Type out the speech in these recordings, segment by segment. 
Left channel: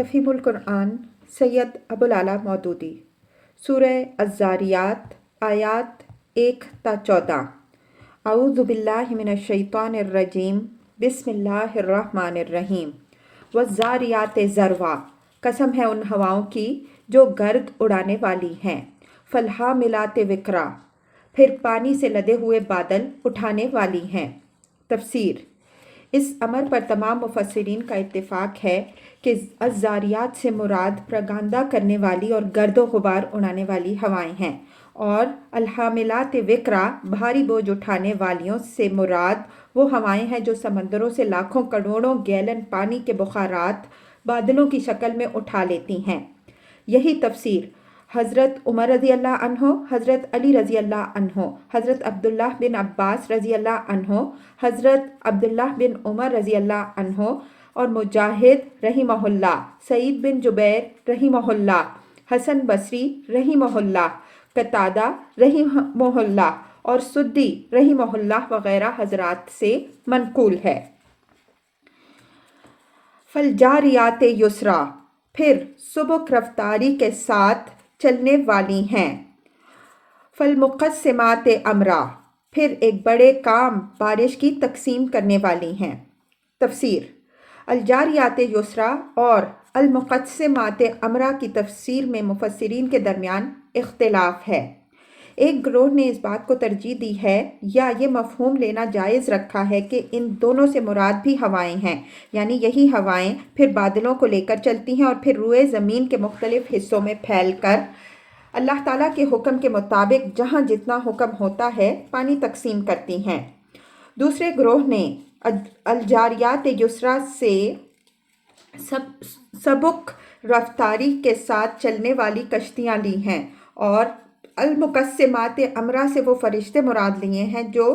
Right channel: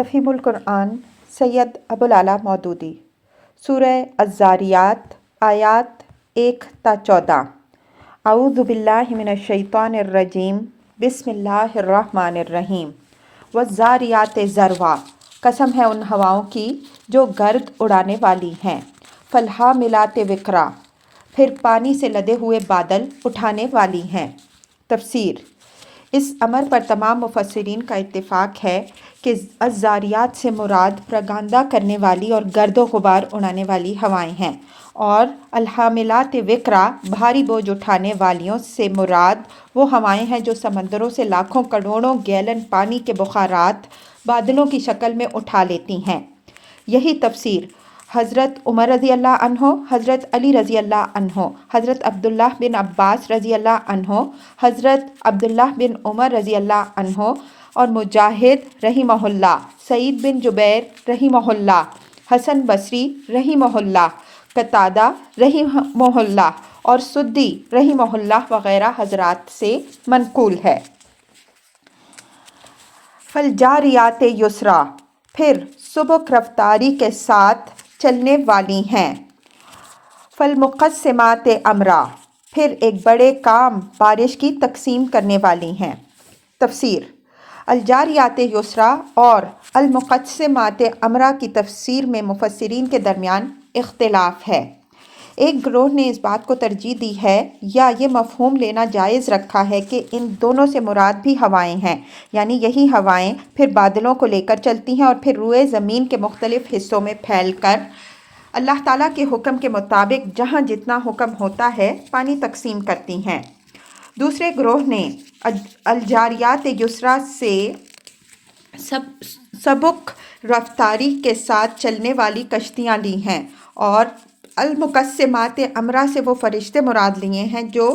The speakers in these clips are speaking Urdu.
تفہیم القرآن سید ابوالعلا مودودی سورہ الذاریات آیات 1 تا 14۔ اعوذ باللہ من الشیطان الرجیم بسم اللہ الرحمن الرحیم۔ والذاریات ذروا، قسم ہے ان ہواؤں کی جو گرد اڑانے والی ہیں۔ فالحاملات وقرا، پھر پانی سے لدے ہوئے بادل اٹھانے والی ہیں۔ تفسیر۔ اس امر پر تمام مفسرین کا اتفاق ہے کہ الذاریات سے مراد پراگندہ کرنے والی اور گرد و غبار اڑانے والی ہوائیں ہیں، اور الحاملات وقرا، بھاری بوجھ اٹھانے والیوں سے مراد وہ ہوائیں ہیں جو سمندروں سے لاکھوں کروڑوں گیلن پانی کے بخارات بادلوں کی شکل میں اٹھا لیتی ہیں۔ یہی تفسیر حضرت عمر رضی اللہ عنہ، حضرت علی رضی اللہ عنہ، حضرت عبداللہ بن عباس رضی اللہ عنہ، حضرت عبداللہ بن عمر رضی اللہ عنہ اور مجاہد رحمہ اللہ، سعید بن جبیر رحمہ اللہ، حسن بصری رحمہ اللہ، قتادہ رحمہ اللہ اور سدی رحمہ اللہ وغیرہ حضرات سے منقول ہے۔ فالجاریات یسرا، پھر سبک رفتاری کے ساتھ چلنے والی ہیں۔ فالمقسمات امرا، پھر ایک بڑے کام بارش کی تقسیم کرنے والی ہیں۔ تفسیر۔ الجاریات یسرا اور المقسمات امرا کی تفسیر میں مفسرین کے درمیان اختلاف ہے۔ ایک گروہ نے اس بات کو ترجیح دی ہے یا یہ مفہوم لینا جائز رکھا ہے کہ ان دونوں سے مراد بھی ہوائیں ہیں، یعنی یہی ہوائیں پھر بادلوں کو لے کر چلتی ہیں اور پھر روئے زمین کے مختلف حصوں میں پھیل کر اللہ تعالیٰ کے حکم کے مطابق جہاں جتنا حکم ہوتا ہے پانی تقسیم کرتی ہیں۔ دوسرے گروہ نے الجاریات یسرا سے سبک رفتاری کے ساتھ چلنے والی کشتیاں لی ہیں، اور المقسمات امرا سے وہ فرشتے مراد لیے ہیں جو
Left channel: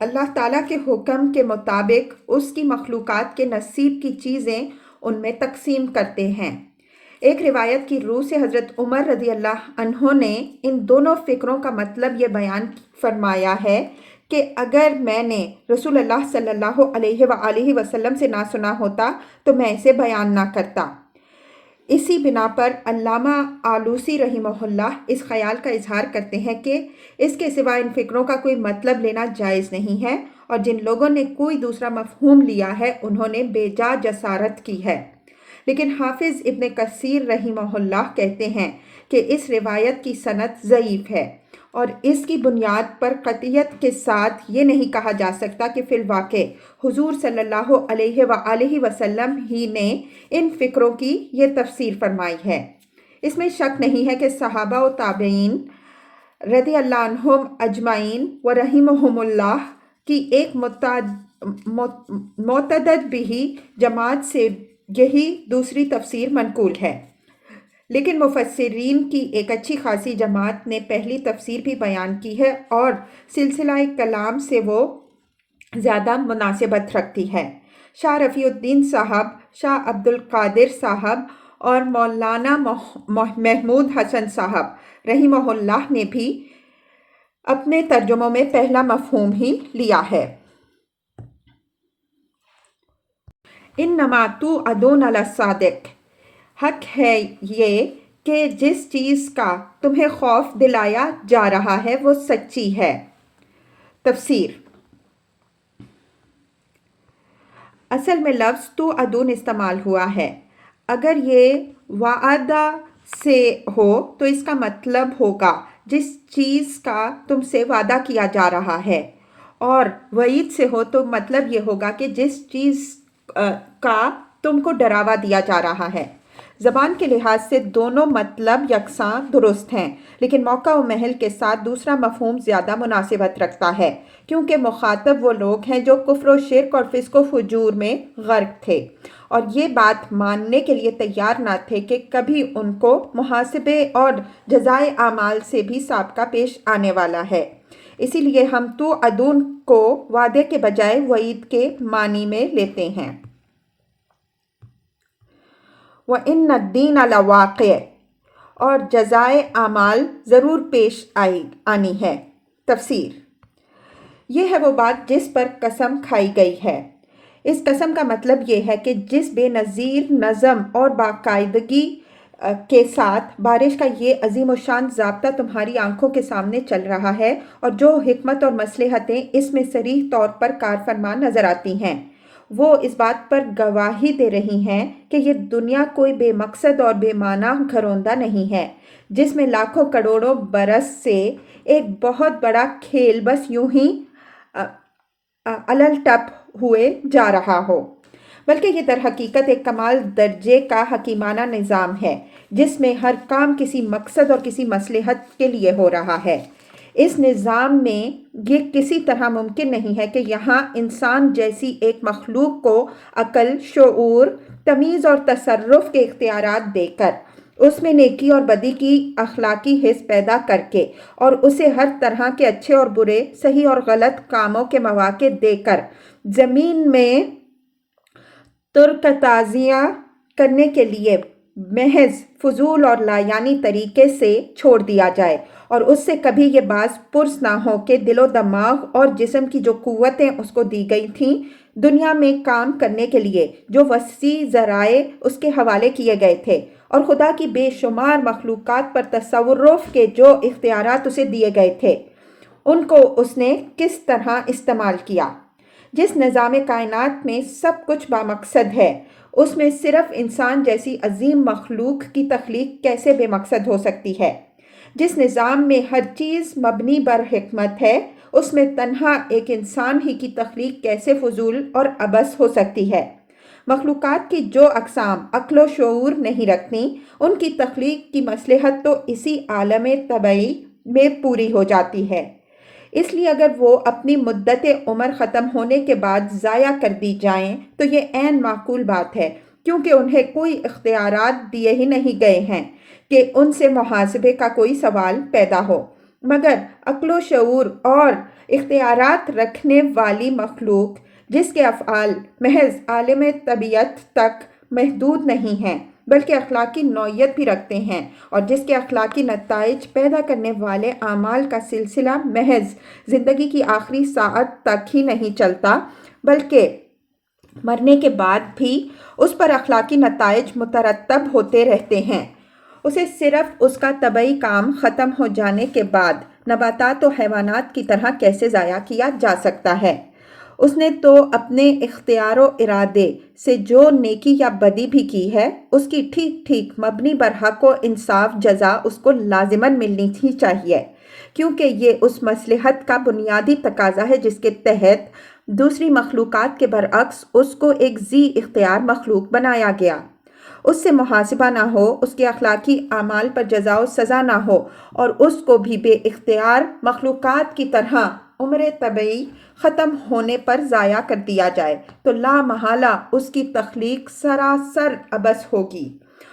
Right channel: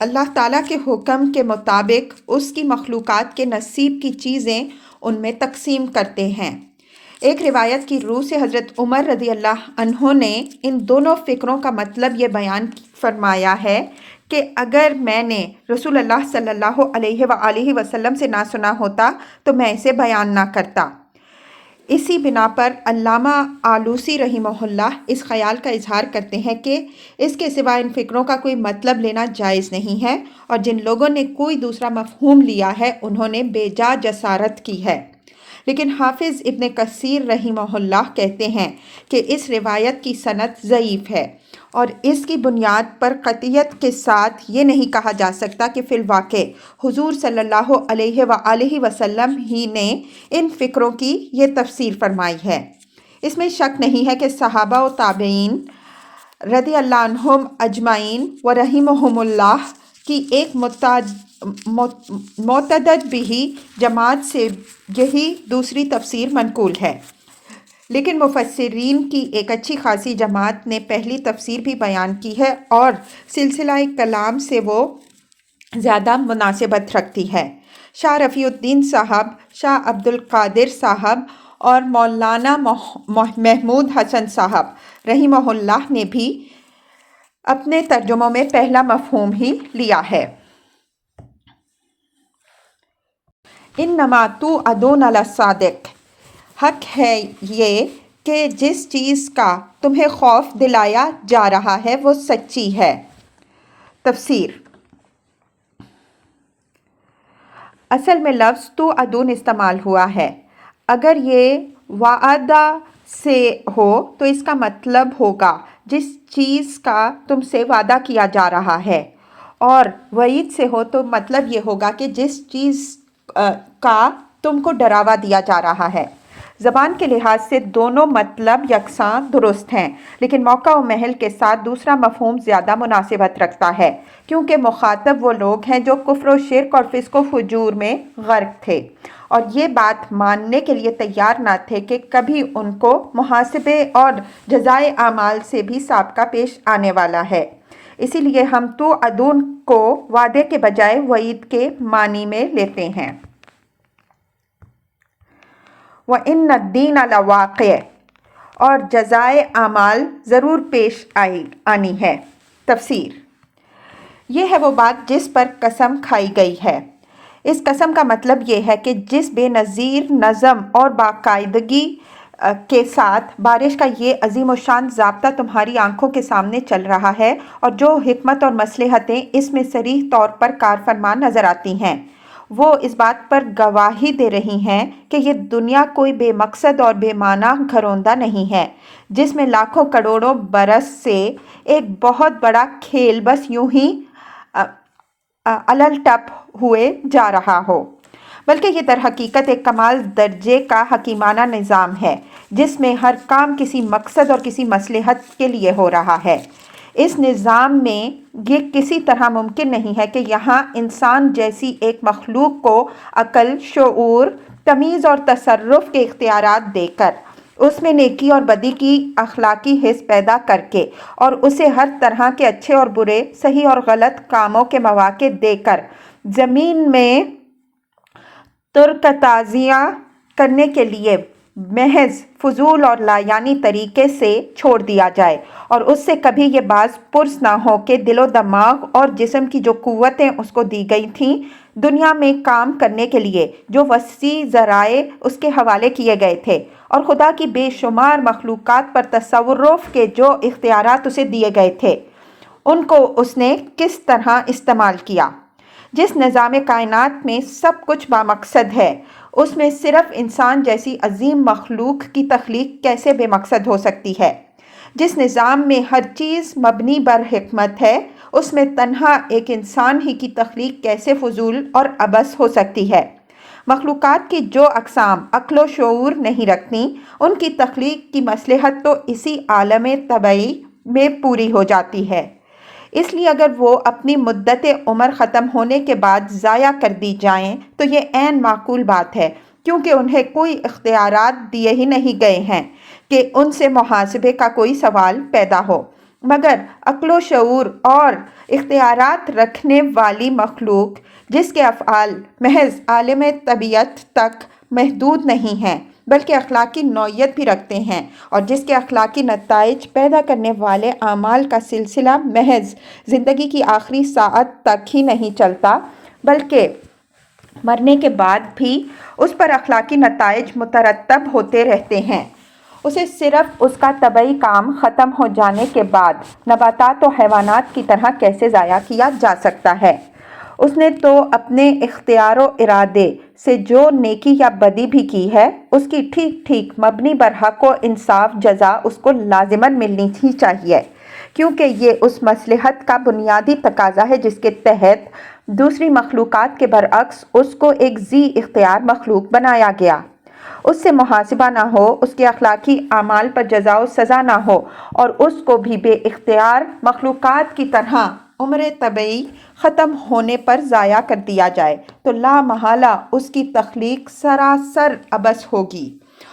اللہ تعالیٰ کے حکم کے مطابق اس کی مخلوقات کے نصیب کی چیزیں ان میں تقسیم کرتے ہیں۔ ایک روایت کی روح سے حضرت عمر رضی اللہ عنہ نے ان دونوں فکروں کا مطلب یہ بیان فرمایا ہے کہ اگر میں نے رسول اللہ صلی اللہ علیہ وآلہ وسلم سے نہ سنا ہوتا تو میں اسے بیان نہ کرتا۔ اسی بنا پر علامہ آلوسی رحمہ اللہ اس خیال کا اظہار کرتے ہیں کہ اس کے سوا ان فکروں کا کوئی مطلب لینا جائز نہیں ہے، اور جن لوگوں نے کوئی دوسرا مفہوم لیا ہے انہوں نے بے جا جسارت کی ہے۔ لیکن حافظ ابن کثیر رحمہ اللہ کہتے ہیں کہ اس روایت کی سند ضعیف ہے، اور اس کی بنیاد پر قطعیت کے ساتھ یہ نہیں کہا جا سکتا کہ فی الواقع حضور صلی اللہ علیہ وآلہ وسلم ہی نے ان فکروں کی یہ تفسیر فرمائی ہے۔ اس میں شک نہیں ہے کہ صحابہ و تابعین رضی اللہ عنہم اجمعین و رحمہم اللہ کی ایک معتدد بھی جماعت سے یہی دوسری تفسیر منقول ہے، لیکن مفسرین کی ایک اچھی خاصی جماعت نے پہلی تفسیر بھی بیان کی ہے اور سلسلہ کلام سے وہ زیادہ مناسبت رکھتی ہے۔ شاہ رفیع الدین صاحب، شاہ عبد القادر صاحب اور مولانا محمود حسن صاحب رحمہ اللہ نے بھی اپنے ترجموں میں پہلا مفہوم ہی لیا ہے۔ انما توعدون لصادق، حق ہے یہ کہ جس چیز کا تمہیں خوف دلایا جا رہا ہے وہ سچی ہے۔ تفسیر۔ اصل میں لفظ توعدون استعمال ہوا ہے۔ اگر یہ وعدہ سے ہو تو اس کا مطلب ہوگا جس چیز کا تم سے وعدہ کیا جا رہا ہے، اور وعید سے ہو تو مطلب یہ ہوگا کہ جس چیز کا تم کو ڈراوا دیا جا رہا ہے۔ زبان کے لحاظ سے دونوں مطلب یکساں درست ہیں، لیکن موقع و محل کے ساتھ دوسرا مفہوم زیادہ مناسبت رکھتا ہے، کیونکہ مخاطب وہ لوگ ہیں جو کفر و شرک اور فسق و فجور میں غرق تھے، اور یہ بات ماننے کے لیے تیار نہ تھے کہ کبھی ان کو محاسبے اور جزائے اعمال سے بھی سابقہ پیش آنے والا ہے۔ اسی لیے ہم توعدون کو وعدے کے بجائے وعید کے معنی میں لیتے ہیں۔ وَإِنَّ الدِّينَ لَوَاقِعٌ، اور جزائے اعمال ضرور پیش آنی ہے۔ تفسیر۔ یہ ہے وہ بات جس پر قسم کھائی گئی ہے۔ اس قسم کا مطلب یہ ہے کہ جس بے نظیر نظم اور باقاعدگی کے ساتھ بارش کا یہ عظیم الشان ضابطہ تمہاری آنکھوں کے سامنے چل رہا ہے، اور جو حکمت اور مصلحتیں اس میں صریح طور پر کار فرما نظر آتی ہیں، وہ اس بات پر گواہی دے رہی ہیں کہ یہ دنیا کوئی بے مقصد اور بے معنی گھروندہ نہیں ہے، جس میں لاکھوں کروڑوں برس سے ایک بہت بڑا کھیل بس یوں ہی الل ٹپ ہوئے جا رہا ہو، بلکہ یہ در حقیقت ایک کمال درجے کا حکیمانہ نظام ہے، جس میں ہر کام کسی مقصد اور کسی مصلحت کے لیے ہو رہا ہے۔ اس نظام میں یہ کسی طرح ممکن نہیں ہے کہ یہاں انسان جیسی ایک مخلوق کو عقل، شعور، تمیز اور تصرف کے اختیارات دے کر، اس میں نیکی اور بدی کی اخلاقی حس پیدا کر کے، اور اسے ہر طرح کے اچھے اور برے، صحیح اور غلط کاموں کے مواقع دے کر، زمین میں ترکتازیاں کرنے کے لیے محض فضول اور لایعنی طریقے سے چھوڑ دیا جائے، اور اس سے کبھی یہ باز پرس نہ ہو کہ دل و دماغ اور جسم کی جو قوتیں اس کو دی گئی تھیں دنیا میں کام کرنے کے لیے، جو وسیع ذرائع اس کے حوالے کیے گئے تھے، اور خدا کی بے شمار مخلوقات پر تصرف کے جو اختیارات اسے دیے گئے تھے، ان کو اس نے کس طرح استعمال کیا۔ جس نظام کائنات میں سب کچھ بامقصد ہے، اس میں صرف انسان جیسی عظیم مخلوق کی تخلیق کیسے بے مقصد ہو سکتی ہے؟ جس نظام میں ہر چیز مبنی بر حکمت ہے، اس میں تنہا ایک انسان ہی کی تخلیق کیسے فضول اور عبث ہو سکتی ہے؟ مخلوقات کی جو اقسام عقل و شعور نہیں رکھتی، ان کی تخلیق کی مصلحت تو اسی عالم طبعی میں پوری ہو جاتی ہے۔ اس لیے اگر وہ اپنی مدت عمر ختم ہونے کے بعد ضائع کر دی جائیں تو یہ عین معقول بات ہے، کیونکہ انہیں کوئی اختیارات دیے ہی نہیں گئے ہیں کہ ان سے محاسبے کا کوئی سوال پیدا ہو، مگر عقل و شعور اور اختیارات رکھنے والی مخلوق، جس کے افعال محض عالم طبیعت تک محدود نہیں ہیں بلکہ اخلاقی نوعیت بھی رکھتے ہیں، اور جس کے اخلاقی نتائج پیدا کرنے والے اعمال کا سلسلہ محض زندگی کی آخری ساعت تک ہی نہیں چلتا بلکہ مرنے کے بعد بھی اس پر اخلاقی نتائج مترتب ہوتے رہتے ہیں، اسے صرف اس کا طبعی کام ختم ہو جانے کے بعد نباتات و حیوانات کی طرح کیسے ضائع کیا جا سکتا ہے؟ اس نے تو اپنے اختیار و ارادے سے جو نیکی یا بدی بھی کی ہے، اس کی ٹھیک ٹھیک مبنی بر حق و انصاف جزا اس کو لازماً ملنی ہی چاہیے، کیونکہ یہ اس مصلحت کا بنیادی تقاضا ہے جس کے تحت دوسری مخلوقات کے برعکس اس کو ایک ذی اختیار مخلوق بنایا گیا۔ اس سے محاسبہ نہ ہو، اس کے اخلاقی اعمال پر جزا و سزا نہ ہو، اور اس کو بھی بے اختیار مخلوقات کی طرح عمر طبعی ختم ہونے پر ضائع کر دیا جائے، تو لا محالہ اس کی تخلیق سراسر عبث ہوگی،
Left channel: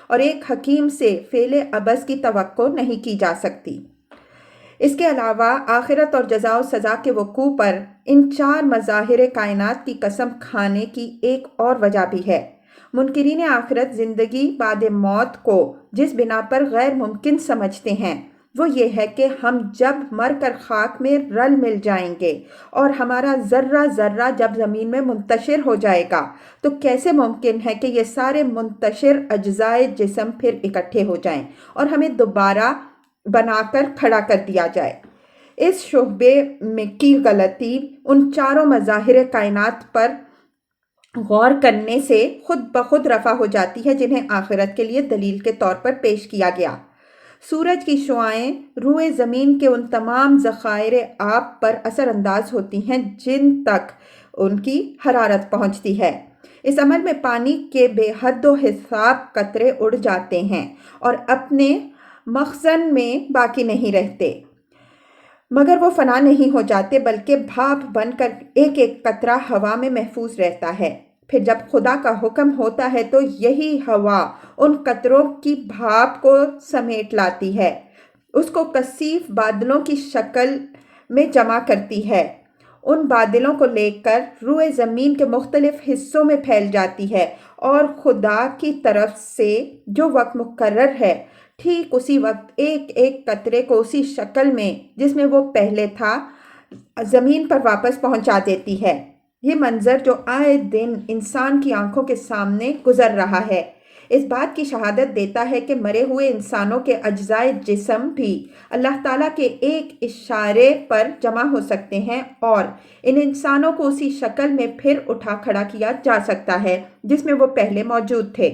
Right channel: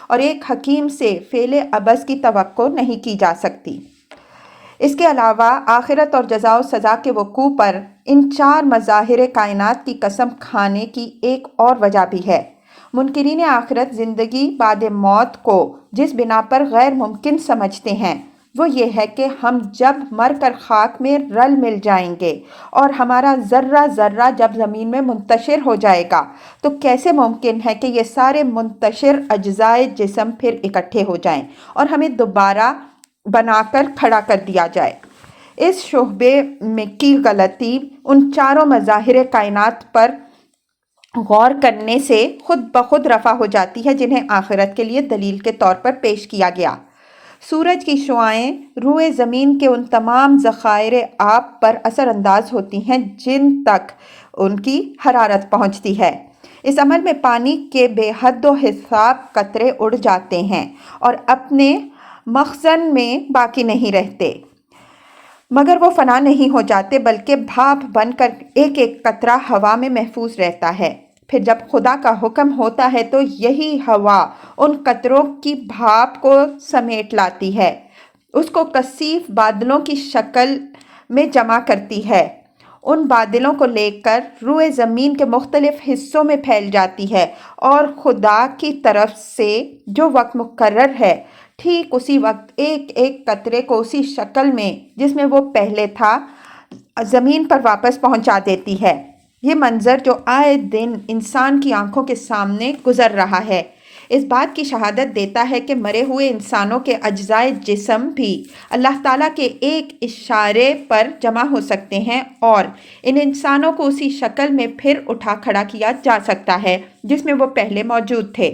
اور ایک حکیم سے فعل عبث کی توقع نہیں کی جا سکتی۔ اس کے علاوہ آخرت اور جزا و سزا کے وقوع پر ان چار مظاہر کائنات کی قسم کھانے کی ایک اور وجہ بھی ہے۔ منکرین آخرت زندگی بعد موت کو جس بنا پر غیر ممکن سمجھتے ہیں، وہ یہ ہے کہ ہم جب مر کر خاک میں رل مل جائیں گے اور ہمارا ذرہ ذرہ جب زمین میں منتشر ہو جائے گا تو کیسے ممکن ہے کہ یہ سارے منتشر اجزائے جسم پھر اکٹھے ہو جائیں اور ہمیں دوبارہ بنا کر کھڑا کر دیا جائے۔ اس شعبے میں کی غلطی ان چاروں مظاہر کائنات پر غور کرنے سے خود بخود رفع ہو جاتی ہے جنہیں آخرت کے لیے دلیل کے طور پر پیش کیا گیا۔ سورج کی شعاعیں روئے زمین کے ان تمام ذخائر آب پر اثر انداز ہوتی ہیں جن تک ان کی حرارت پہنچتی ہے۔ اس عمل میں پانی کے بے حد و حساب قطرے اڑ جاتے ہیں اور اپنے مخزن میں باقی نہیں رہتے، مگر وہ فنا نہیں ہو جاتے بلکہ بھاپ بن کر ایک ایک قطرہ ہوا میں محفوظ رہتا ہے۔ پھر جب خدا کا حکم ہوتا ہے تو یہی ہوا ان قطروں کی بھاپ کو سمیٹ لاتی ہے، اس کو کثیف بادلوں کی شکل میں جمع کرتی ہے، ان بادلوں کو لے کر روئے زمین کے مختلف حصوں میں پھیل جاتی ہے، اور خدا کی طرف سے جو وقت مقرر ہے ٹھیک اسی وقت ایک ایک قطرے کو اسی شکل میں جس میں وہ پہلے تھا زمین پر واپس پہنچا دیتی ہے۔ یہ منظر جو آئے دن انسان کی آنکھوں کے سامنے گزر رہا ہے اس بات کی شہادت دیتا ہے کہ مرے ہوئے انسانوں کے اجزائے جسم بھی اللہ تعالیٰ کے ایک اشارے پر جمع ہو سکتے ہیں اور ان انسانوں کو اسی شکل میں پھر اٹھا کھڑا کیا جا سکتا ہے جس میں وہ پہلے موجود تھے۔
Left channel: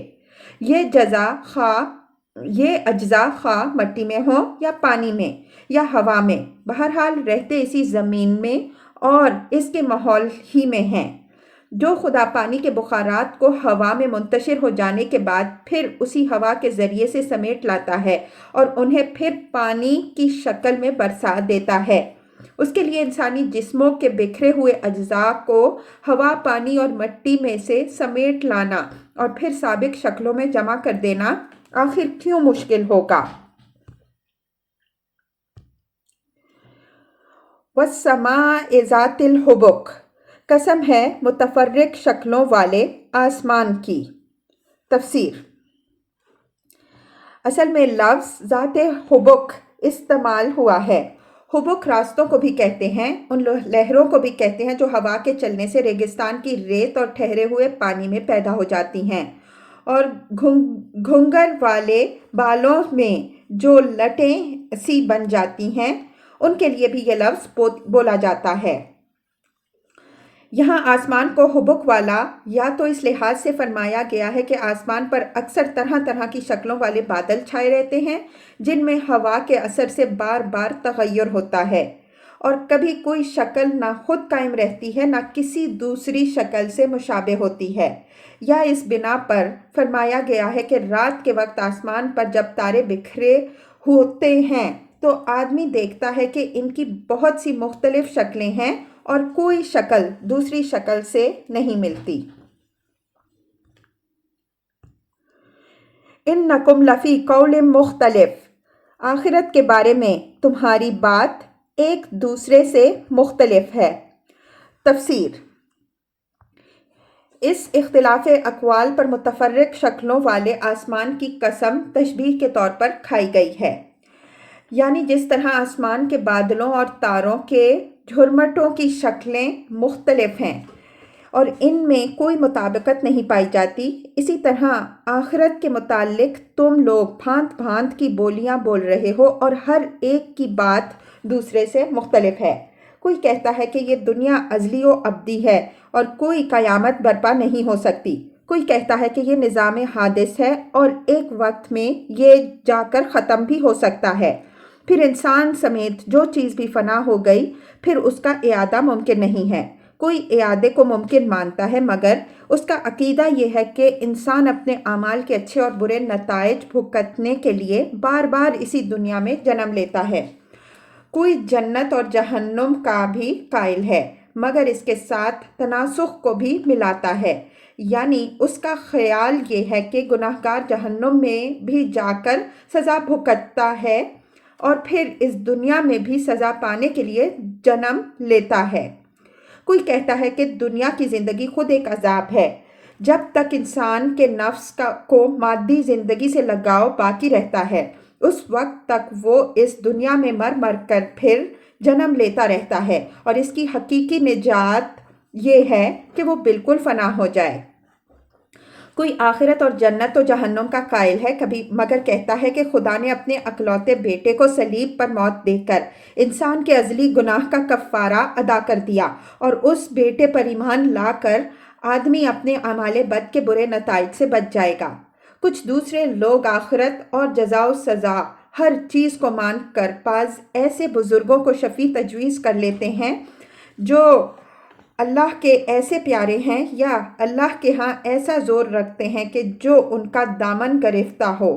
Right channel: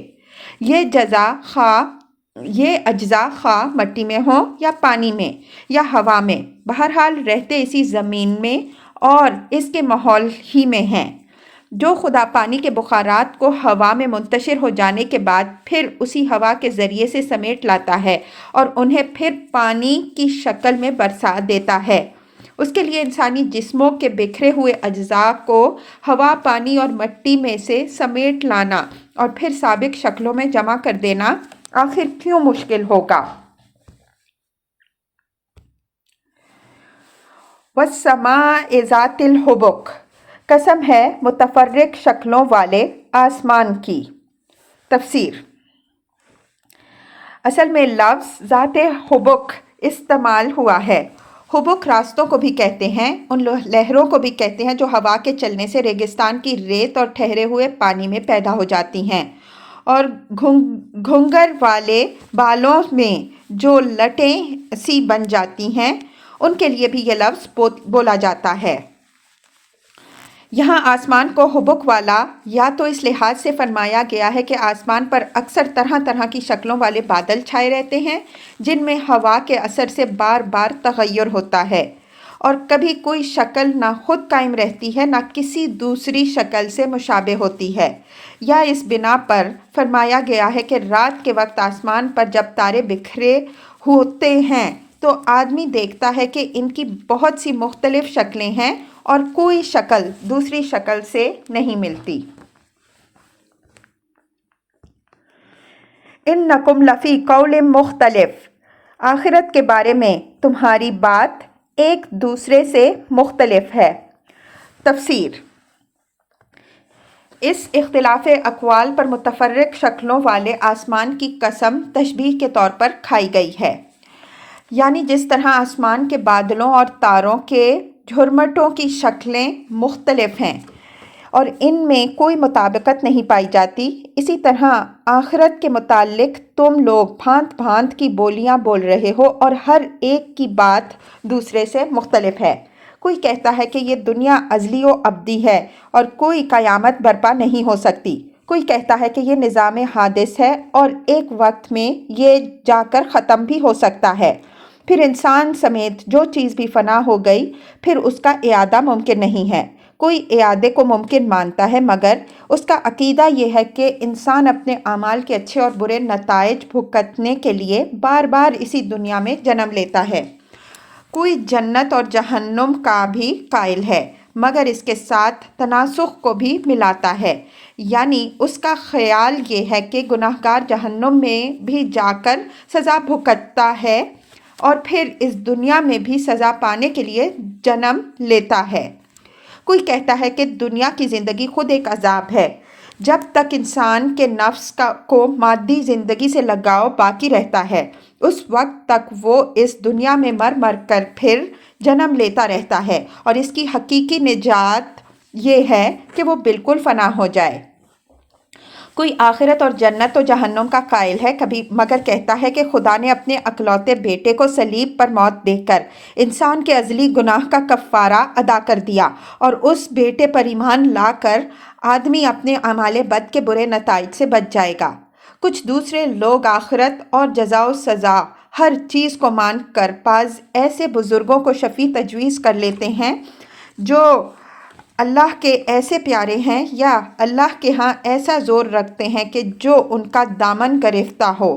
یہ اجزاء خواہ مٹی میں ہوں یا پانی میں یا ہوا میں، بہرحال رہتے اسی زمین میں اور اس کے ماحول ہی میں ہیں۔ جو خدا پانی کے بخارات کو ہوا میں منتشر ہو جانے کے بعد پھر اسی ہوا کے ذریعے سے سمیٹ لاتا ہے اور انہیں پھر پانی کی شکل میں برسا دیتا ہے، اس کے لیے انسانی جسموں کے بکھرے ہوئے اجزاء کو ہوا، پانی اور مٹی میں سے سمیٹ لانا اور پھر سابق شکلوں میں جمع کر دینا آخر کیوں مشکل ہوگا؟ وَالسَّمَاءِ ذَاتِ الْحُبُكِ، قسم ہے متفرق شکلوں والے آسمان کی۔ تفسیر: اصل میں لفظ ذات حبک استعمال ہوا ہے۔ حبک راستوں کو بھی کہتے ہیں، ان لہروں کو بھی کہتے ہیں جو ہوا کے چلنے سے ریگستان کی ریت اور ٹھہرے ہوئے پانی میں پیدا ہو جاتی ہیں، اور گھنگر والے بالوں میں جو لٹیں سی بن جاتی ہیں ان کے لیے بھی یہ لفظ بولا جاتا ہے۔ یہاں آسمان کو حبک والا یا تو اس لحاظ سے فرمایا گیا ہے کہ آسمان پر اکثر طرح طرح کی شکلوں والے بادل چھائے رہتے ہیں جن میں ہوا کے اثر سے بار بار تغیر ہوتا ہے، اور کبھی کوئی شکل نہ خود قائم رہتی ہے نہ کسی دوسری شکل سے مشابہ ہوتی ہے۔ یا اس بنا پر فرمایا گیا ہے کہ رات کے وقت آسمان پر جب تارے بکھرے ہوتے ہیں تو آدمی دیکھتا ہے کہ ان کی بہت سی مختلف شکلیں ہیں اور کوئی شکل دوسری شکل سے نہیں ملتی۔ اِنَّکُمْ لَفِی قَوْلٍ مُخْتَلِف، آخرت کے بارے میں تمہاری بات ایک دوسرے سے مختلف ہے۔ تفسیر: اس اختلاف اقوال پر متفرق شکلوں والے آسمان کی قسم تشبیہ کے طور پر کھائی گئی ہے، یعنی جس طرح آسمان کے بادلوں اور تاروں کے جھرمٹوں کی شکلیں مختلف ہیں اور ان میں کوئی مطابقت نہیں پائی جاتی، اسی طرح آخرت کے متعلق تم لوگ بھانت بھانت کی بولیاں بول رہے ہو اور ہر ایک کی بات دوسرے سے مختلف ہے۔ کوئی کہتا ہے کہ یہ دنیا ازلی و ابدی ہے اور کوئی قیامت برپا نہیں ہو سکتی، کوئی کہتا ہے کہ یہ نظام حادث ہے اور ایک وقت میں یہ جا کر ختم بھی ہو سکتا ہے، پھر انسان سمیت جو چیز بھی فنا ہو گئی پھر اس کا اعادہ ممکن نہیں ہے۔ کوئی اعادے کو ممکن مانتا ہے مگر اس کا عقیدہ یہ ہے کہ انسان اپنے اعمال کے اچھے اور برے نتائج بھگتنے کے لیے بار بار اسی دنیا میں جنم لیتا ہے۔ کوئی جنت اور جہنم کا بھی قائل ہے مگر اس کے ساتھ تناسخ کو بھی ملاتا ہے، یعنی اس کا خیال یہ ہے کہ گناہگار جہنم میں بھی جا کر سزا بھگتتا ہے اور پھر اس دنیا میں بھی سزا پانے کے لیے جنم لیتا ہے۔ کوئی کہتا ہے کہ دنیا کی زندگی خود ایک عذاب ہے، جب تک انسان کے نفس کو مادی زندگی سے لگاؤ باقی رہتا ہے اس وقت تک وہ اس دنیا میں مر مر کر پھر جنم لیتا رہتا ہے، اور اس کی حقیقی نجات یہ ہے کہ وہ بالکل فنا ہو جائے۔ کوئی آخرت اور جنت و جہنم کا قائل ہے مگر کہتا ہے کہ خدا نے اپنے اکلوتے بیٹے کو صلیب پر موت دے کر انسان کے ازلی گناہ کا کفارہ ادا کر دیا، اور اس بیٹے پر ایمان لا کر آدمی اپنے اعمال بد کے برے نتائج سے بچ جائے گا۔ کچھ دوسرے لوگ آخرت اور جزا و سزا ہر چیز کو مان کر بعض ایسے بزرگوں کو شفیع تجویز کر لیتے ہیں جو اللہ کے ایسے پیارے ہیں یا اللہ کے ہاں ایسا زور رکھتے ہیں کہ جو ان کا دامن گرفتہ ہو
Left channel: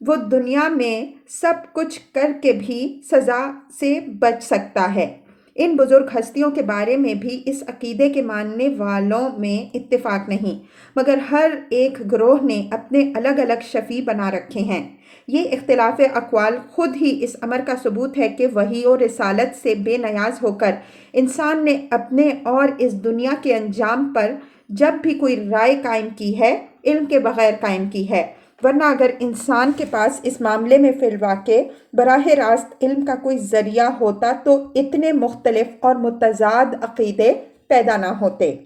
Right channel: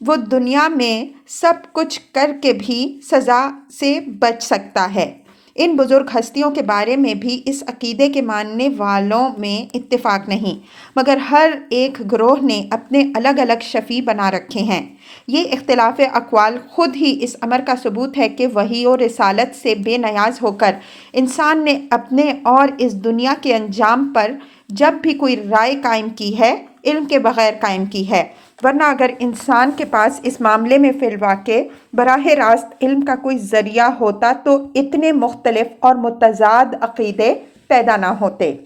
وہ دنیا میں سب کچھ کر کے بھی سزا سے بچ سکتا ہے۔ ان بزرگ ہستیوں کے بارے میں بھی اس عقیدے کے ماننے والوں میں اتفاق نہیں، مگر ہر ایک گروہ نے اپنے الگ الگ شفیع بنا رکھے ہیں۔ یہ اختلاف اقوال خود ہی اس امر کا ثبوت ہے کہ وحی و رسالت سے بے نیاز ہو کر انسان نے اپنے اور اس دنیا کے انجام پر جب بھی کوئی رائے قائم کی ہے علم کے بغیر قائم کی ہے، ورنہ اگر انسان کے پاس اس معاملے میں فی الواقع براہ راست علم کا کوئی ذریعہ ہوتا تو اتنے مختلف اور متضاد عقیدے پیدا نہ ہوتے۔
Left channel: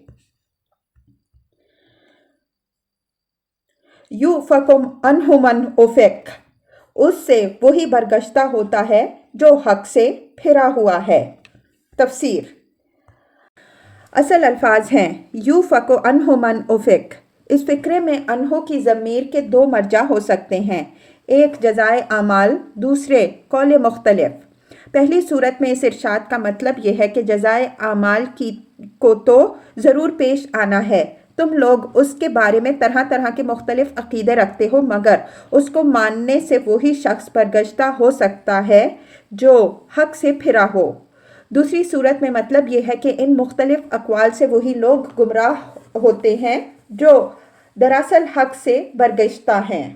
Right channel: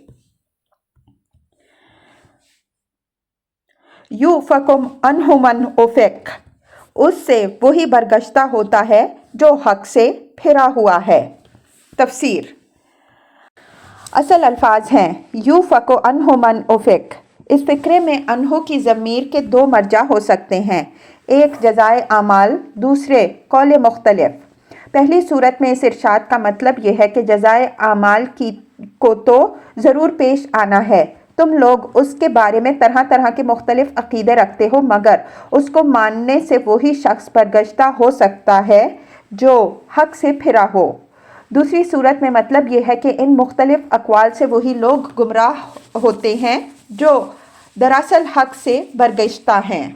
یُؤْفَکُ عَنْہُ مَنْ أُفِکَ، اس سے وہی برگشتہ ہوتا ہے جو حق سے پھرا ہوا ہے۔ تفسیر: اصل الفاظ ہیں یُؤْفَکُ عَنْہُ مَنْ أُفِکَ۔ اس فقرے میں عنہ کی ضمیر کے دو مرجع ہو سکتے ہیں، ایک جزائے اعمال، دوسرے قول مختلف۔ پہلی صورت میں اس ارشاد کا مطلب یہ ہے کہ جزائے اعمال کو تو ضرور پیش آنا ہے، تم لوگ اس کے بارے میں طرح طرح کے مختلف عقیدے رکھتے ہو، مگر اس کو ماننے سے وہی شخص برگشتہ ہو سکتا ہے جو حق سے پھرا ہو۔ دوسری صورت میں مطلب یہ ہے کہ ان مختلف اقوال سے وہی لوگ گمراہ ہوتے ہیں جو دراصل حق سے برگشتہ ہیں۔